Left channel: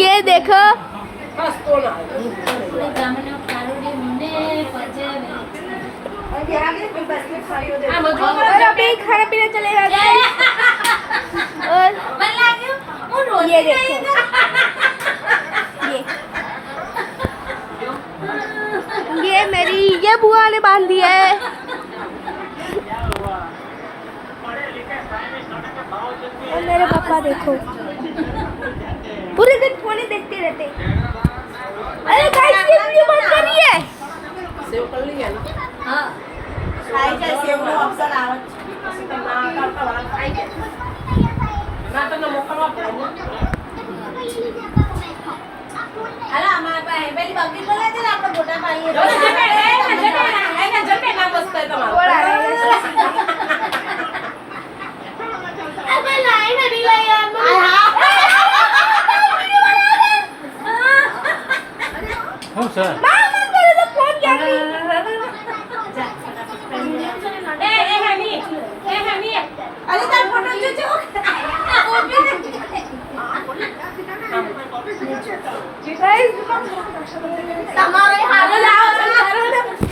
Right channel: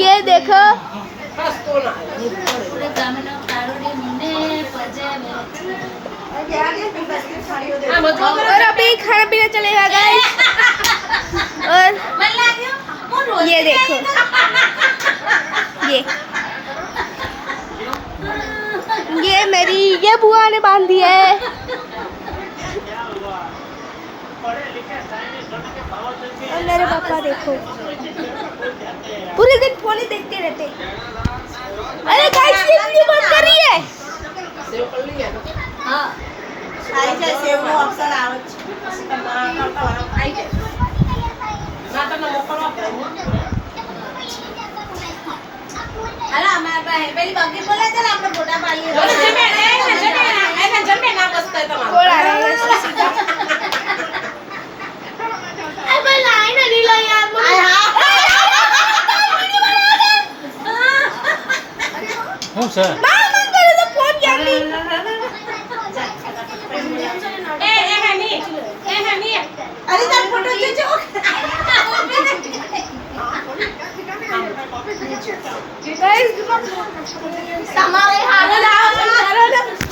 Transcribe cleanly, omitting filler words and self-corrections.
ये देखो और अभी खाना पीना चलेगा गाइस। और ये देखो ये मेरी ये बुआ ने बांध दी है। और मेरे पापा देखो पूरे दिन फोन ही देखते रहते। अरे गाइस ये वीडियो बंद कर रही है। सेव कर लिया ना? हां आई जाए सेव નો ઓપ્શન આવે છે आई जाए ના તમને મોકલવા પડે ને. અરે અમારા પાસે પેલી બગી બોલે છે ને આપણે ફોટા પાડીએ જમે ના બસતો એ તમારો. बोला भाई लाइन नहीं लाई यार હું છે बार मन करे तो फोन क्या की એ હેમી અરે તાર ફોટો જોજો गाइस તમારે હારો લાવો